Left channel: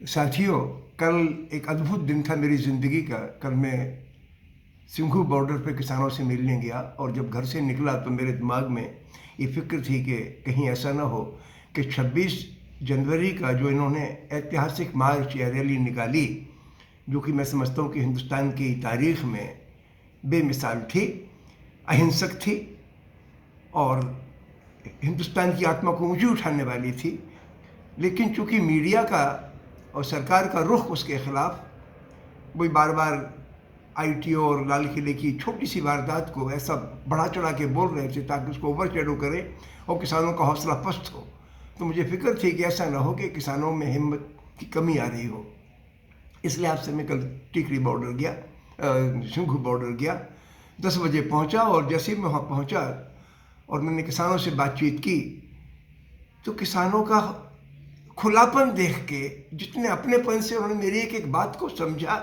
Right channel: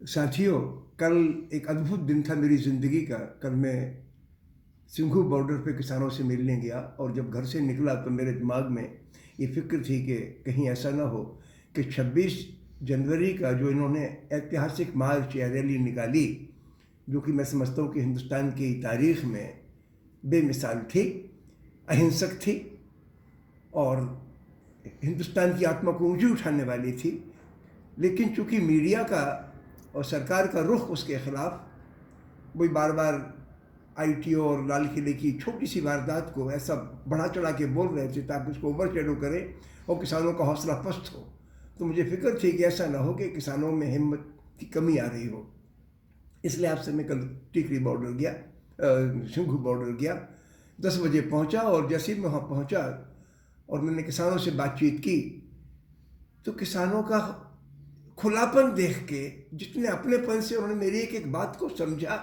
साथियों, कल एक अद्भुत दिन था मेरी ज़िंदगी का। कल मैं सिंघू बॉर्डर पे किसानों से मिलने गया और जब घर से निकला तो मेरे दिमाग में ये फ़िक्र थी कि कहीं ऐसा ना हो कि 26 जनवरी का जो इन्होंने ऐतिहासिक मार्च या रैली निकाली, जो कि मैं समझता हूँ कि हिंदुस्तान की तारीख़ में बेमिसाल थी, अहिंसक थी और हिंदुस्तान की आत्मा को ऊँची उठाने वाली थी। लेकिन चूँकि मीडिया का और सरकार का रुख उसके ख़िलाफ़, वही बार बार आईटीओ और लाल किले की छोटी सी वारदात को ऐसा बढ़ा चढ़ा के बोल रहे थे ताकि उसको ओवर शेडो करे और किसानों का हौसला पस्त हो। तो मुझे फिक्र थी कि ऐसा ना हो कि किसानों में हिम्मत की कमी आ रही हो। इसलिए आपसे मैं कल टिकरी बॉर्डर गया, सिंघू बॉर्डर गया, 10 बजे पहुंचा और जैसे ही मैं वहाँ पहुंचा और मैंने किसानों से बातचीत की तो किसानों का खुलापन देख के, जितने अपनेपन से उन्होंने मेरी एक एक बात को समझा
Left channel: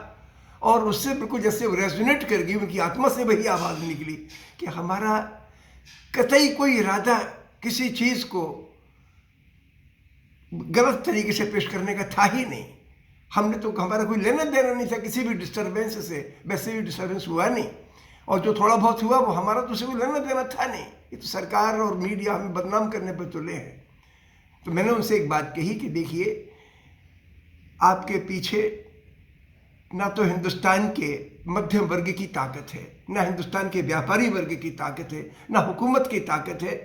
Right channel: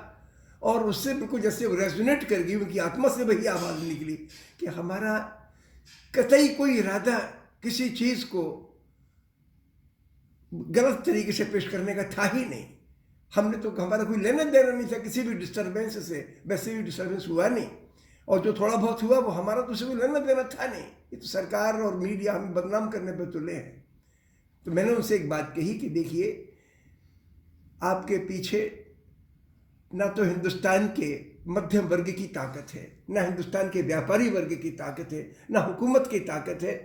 और उससे बिल्कुल जैसे रेजोनेट कर गई, उनकी आत्मा से वही आवाज़ निकली कि हमारा कतई कोई इरादा किसी चीज़ को गलत तरीके से पेश करने का था ही नहीं। हमने तो, हमारा कोई लेना देना नहीं था किसी भी डिस्टर्बेंस से, वैसे भी डिस्टर्बेंस हुआ नहीं और जो थोड़ा बहुत हुआ वो हमारा तो उसे कोई लेना देना था नहीं। ये तो सरकार और मीडिया हमें बदनाम करने पर तुले हैं। तो मैंने उनसे एक बात कही कि देखिए, आपके पीछे ना तो हिंदुस्तान के मध्यम वर्ग की ताकत है, ना हिंदुस्तान के व्यापारी वर्ग की ताकत है, ना हुकूमत की ताकत है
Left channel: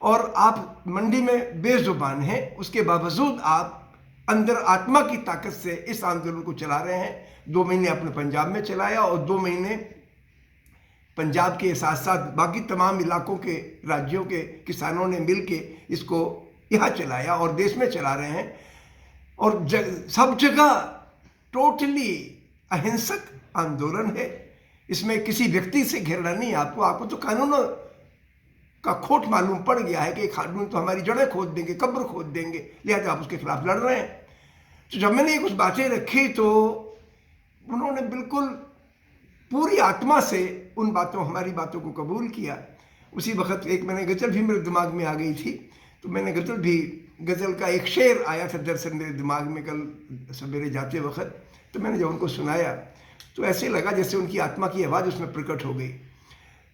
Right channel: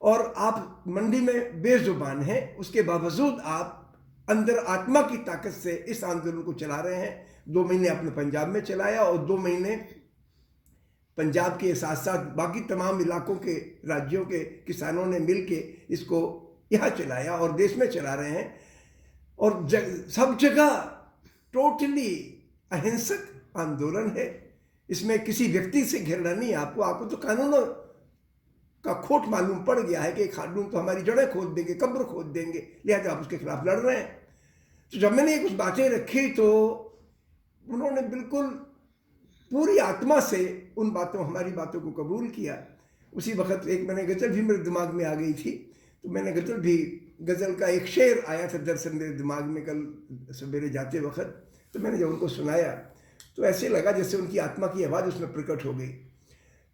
और आप मंडी में बेजुबान हैं। उसके बावजूद आप अंदर आत्मा की ताकत से इस आंदोलन को चला रहे हैं। 2 महीने आपने पंजाब में चलाया और 2 महीने पंजाब के साथ साथ बाकी तमाम इलाकों के राज्यों के किसानों ने मिल के इसको यहाँ चलाया और देश में चला रहे हैं। और सब जगह टोटली अहिंसक आंदोलन है। इसमें किसी व्यक्ति से घिरना नहीं। आपको तो कानूनों का खोट मालूम पड़ गया है कि कानून तो हमारी जड़ें खोद देंगे, कब्र खोद देंगे, लिहाजा आप उसके खिलाफ लड़ रहे हैं। तो जब मैंने कुछ बातें रखी तो उन्होंने बिल्कुल पूरी आत्मा से उन बातों, हमारी बातों को कबूल किया। उसी वक्त एक मैंने गज़ल भी मेरे दिमाग में आ गई थी, तो मैंने गज़ल का एक शेर आया था दरअसल मेरे दिमाग में कल सवेरे जाते वक्त। तो मैंने जब उनको सुनाया तो ऐसे लगा जैसे उनकी आत्मा की आवाज़ उसमें प्रकट हो गई।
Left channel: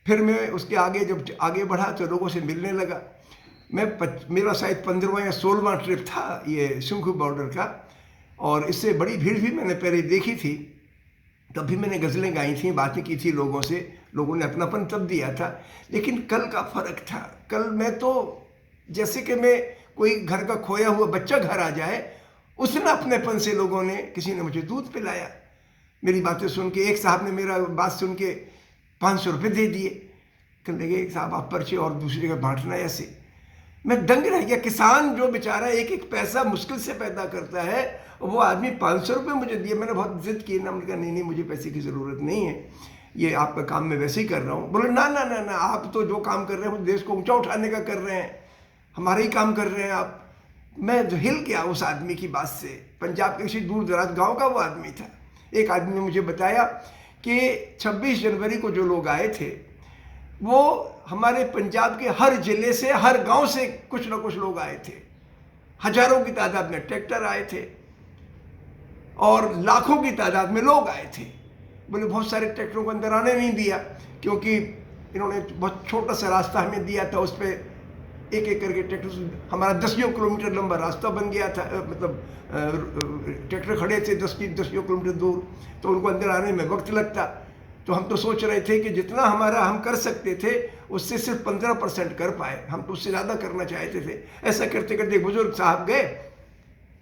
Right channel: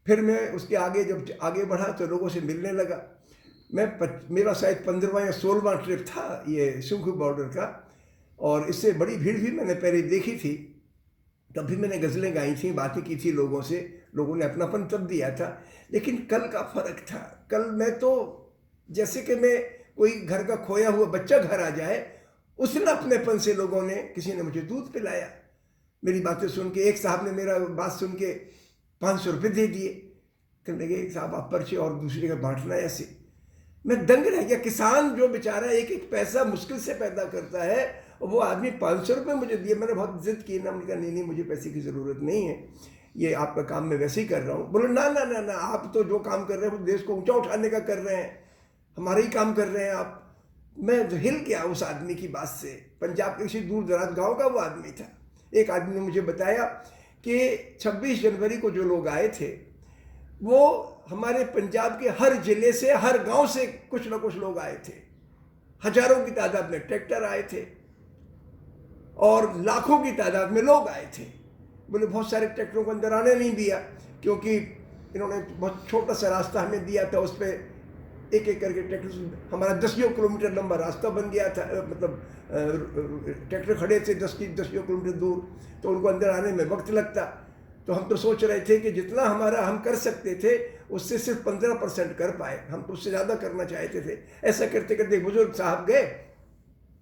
फिर मैं उसके आगे जब आगे बढ़ा तो लोगों से मिलने लगा। मेरा शायद 15वां या 16वां ट्रिप था ये सिंघू बॉर्डर का और इससे बड़ी भीड़ भी मैंने पहले देखी थी। तब भी मैंने गज़लें गाई थी, बातें की थी लोगों से, लोगों ने अपनापन तब दिया था। लेकिन कल का फ़र्क था। कल मैं तो जैसे कि मैं कोई घर का खोया हुआ बच्चा घर आ जाए, उसने अपनेपन से लोगों ने, किसी ने मुझे दूध पिलाया, मेरी बातें सुन के। एक साहब ने मेरा बात सुन के 500 रुपये दे दिए, कहने लगे साहब आप पर्चे और दूसरे का बांटना ऐसे। मैं दंग रह गया। किसान जो बेचारा एक एक पैसा मुश्किल से पैदा करता है और वो आदमी 500 रुपये मुझे दिए। मैंने बहुत जिद की ना, मैंने कहा नहीं मुझे पैसे की ज़रूरत नहीं है, ये आपका काम मैं वैसे ही कर रहा हूँ। बोले ना ना ना ना, आप तो जो काम कर रहे हैं वो देश को ऊंचा उठाने का कर रहे हैं, हमारा ही काम कर रहे हैं आप। मैं जो हिल गया उस आदमी की बात से। पंजाब के किसी दूर दराज गाँव का वो आदमी था। एक आदमी ने मुझे बताया कि 26 जनवरी को जो लोग आए थे वो हमारे पंजाब के हर ज़िले से, हर गांव से कुछ ना कुछ लोग आए थे। हजारों की तादाद में ट्रैक्टर आए थे और लाखों की तादाद में लोग आए थे। बोले बहुत सारे ट्रैक्टरों को अंदर आने नहीं दिया क्योंकि इन्होंने बहुत छोटा सा रास्ता हमें दिया था, उस पर एक एक करके ट्रैक्टर, हमारा 10 किलोमीटर लंबा रास्ता बन गया था। मतलब ट्रैक्टर खड़े थे 10 किलोमीटर दूर, तो उनको अंदर आने में वक्त लगता। तो हम तो सोच रहे थे कि जितना हमारा हम कर सकते थे उससे सिर्फ 15% कर पाए, हम तो उससे ज़्यादा करना चाहते थे। ऐसा करते करते बुजुर्ग साहब गए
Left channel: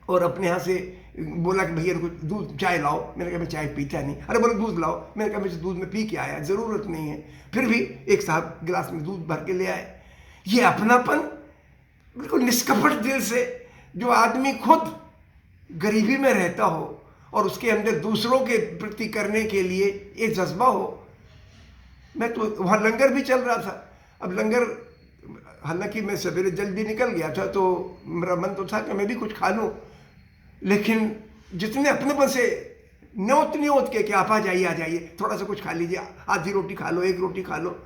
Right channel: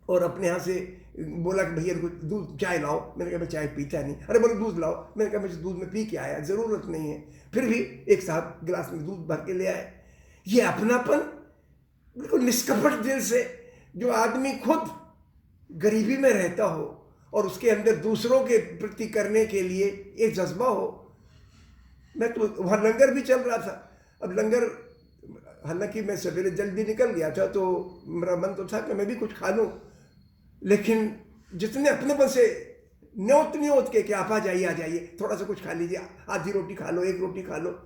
और अपने यहाँ से बोला कि भैया दूध चाय लाओ। मैंने कहा मैं चाय पीता नहीं। अरे बोले दूध लाओ। मैंने कहा मैं दूध में पी के आया, ज़रूरत नहीं है। फिर भी एक साहब गिलास में दूध भर के ले आए। ये अपनापन बिल्कुल निष्कपट दिल से, जो आदमी खुद गरीबी में रहता हो और उसके अंदर दूसरों के प्रति करने के लिए एक जज्बा हो। मैं तो वहाँ लंगर भी चल रहा था। अब लंगर, हालांकि मैं सवेरे जल्दी निकल गया था तो मेरा मन तो था कि मैं भी कुछ खा लूँ, लेकिन जितने अपनेपन से न्योत के आप आ जाइए, थोड़ा सा कुछ खा लीजिए, आधी रोटी खा लो, 1 रोटी खा लो,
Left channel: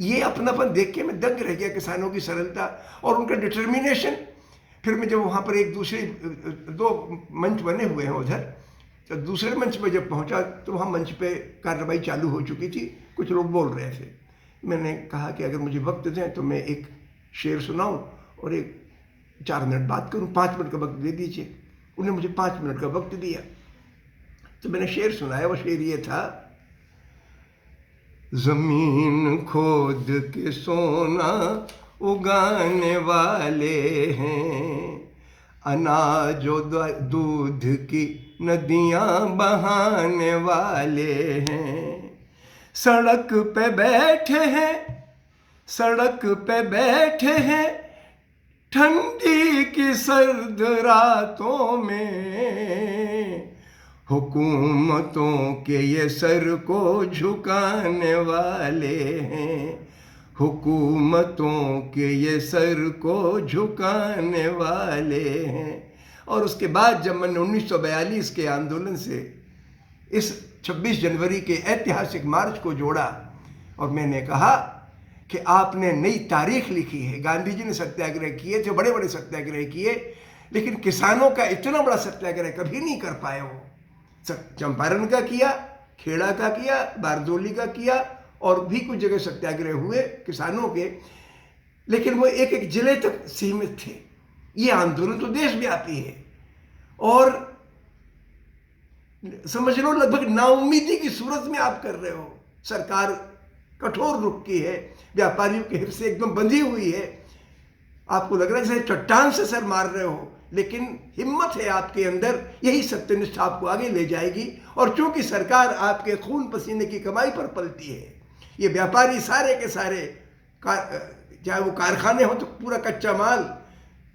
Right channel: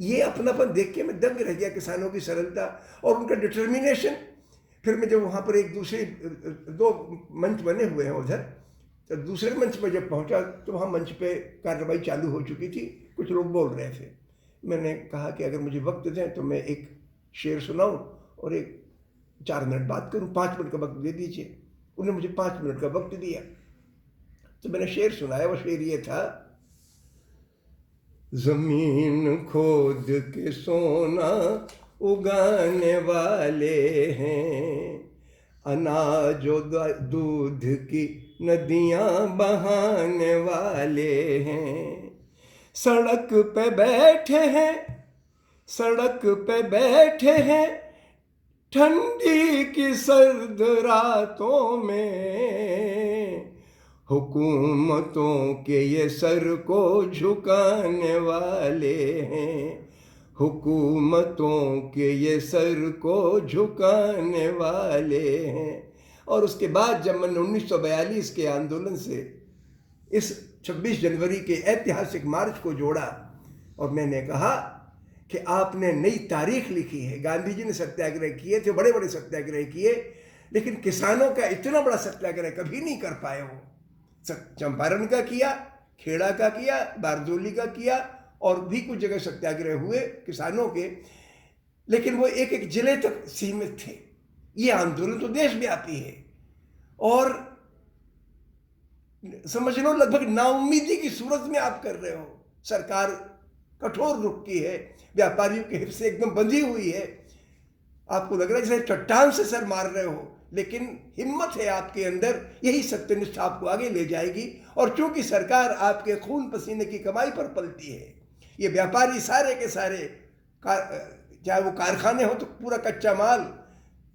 ये अपनापन देख के मैं दंग रह गया। किसानों की सरलता और उनका डिटर्मिनेशन। फिर मैं जब वहाँ पर एक दूसरे 2 मंच बने हुए हैं उधर, तो दूसरे मंच पर जब पहुँचा तो वहाँ मंच पे कार्रवाई चालू हो चुकी थी, कुछ लोग बोल रहे थे। मैंने कहा कि अगर मुझे वक्त दें तो मैं एक शेर सुनाऊं और एक 4 मिनट बात करूं, 5 मिनट का वक्त दे दीजिए। उन्होंने मुझे 5 मिनट का वक्त दिया, तो मैंने शेर सुनाया। वो शेर ये था, ज़मीन खोद के सोना उगाने वाले हैं, अनाज और दूध की नदियाँ बहाने वाले हैं। सड़क पे बैठे हैं, सड़क पे बैठे हैं, ठंडी की सर्द रातों में, हुकूमतों के ये सर को झुकाने वाले हैं, हुकूमतों के ये सर को झुकाने वाले हैं। और उसके बाद जब मैंने 1942 के आंदोलन से इस 26 जनवरी के ऐतिहासिक मार्च को जोड़ा और मैंने कहा कि आपने नई तारीख लिखी है। गांधी जी ने सत्याग्रह किए थे, बड़े बड़े सत्याग्रह किए, लेकिन किसानों का इतना बड़ा सत्याग्रह कभी नहीं कर पाए वो। चंपारण का किया, खेड़ा का किया, बारदोली का किया, और भी कुछ जगह सत्याग्रह हुए किसानों के, लेकिन वो एक एक जिले तक सीमित थे। ये आंदोलन तो देशव्यापी है और समझ लो लगभग नाउम्मीदी की सूरत में आप कर रहे हो। सरकार कठोर रुख की है, व्यापारियों के हित से एकदम बंधी हुई है। आपको लग रहा है जैसे चट्टान से सर मार रहे हो, लेकिन हिम्मत है आपके अंदर, यही सत्यनिष्ठा आपको आगे ले जाएगी। और चूंकि सरकार आपके खून पसीने की कमाई पर पलती है, ये व्यापारी सारे के सारे चाहे वो कारखाने हो तो पूरा कच्चा माल,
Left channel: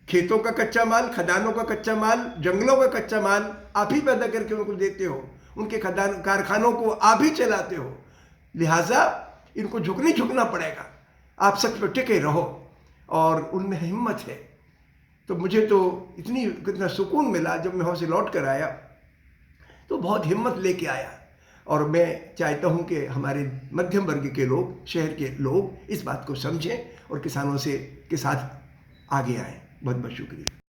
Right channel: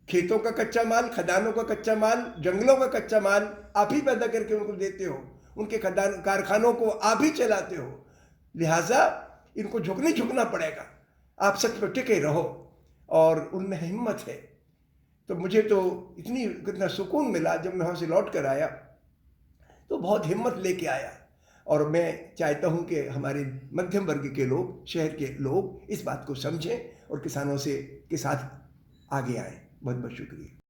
खेतों का कच्चा माल, खदानों का कच्चा माल, जंगलों का कच्चा माल आप ही पैदा करके उनको देते हो, उनके खदान कारखानों को आप ही चलाते हो। लिहाजा इनको झुकना पड़ेगा। आप सच पर टिके रहो, और उनमें हिम्मत है। तो मुझे तो कितना सुकून मिला जब मैं वहाँ से लौट कर आया, तो बहुत हिम्मत लेके आया। और मैं चाहता हूँ कि हमारे मध्यम वर्ग के लोग, शहर के लोग इस बात को समझें और किसानों के साथ आगे आएँ। बहुत बहुत शुक्रिया।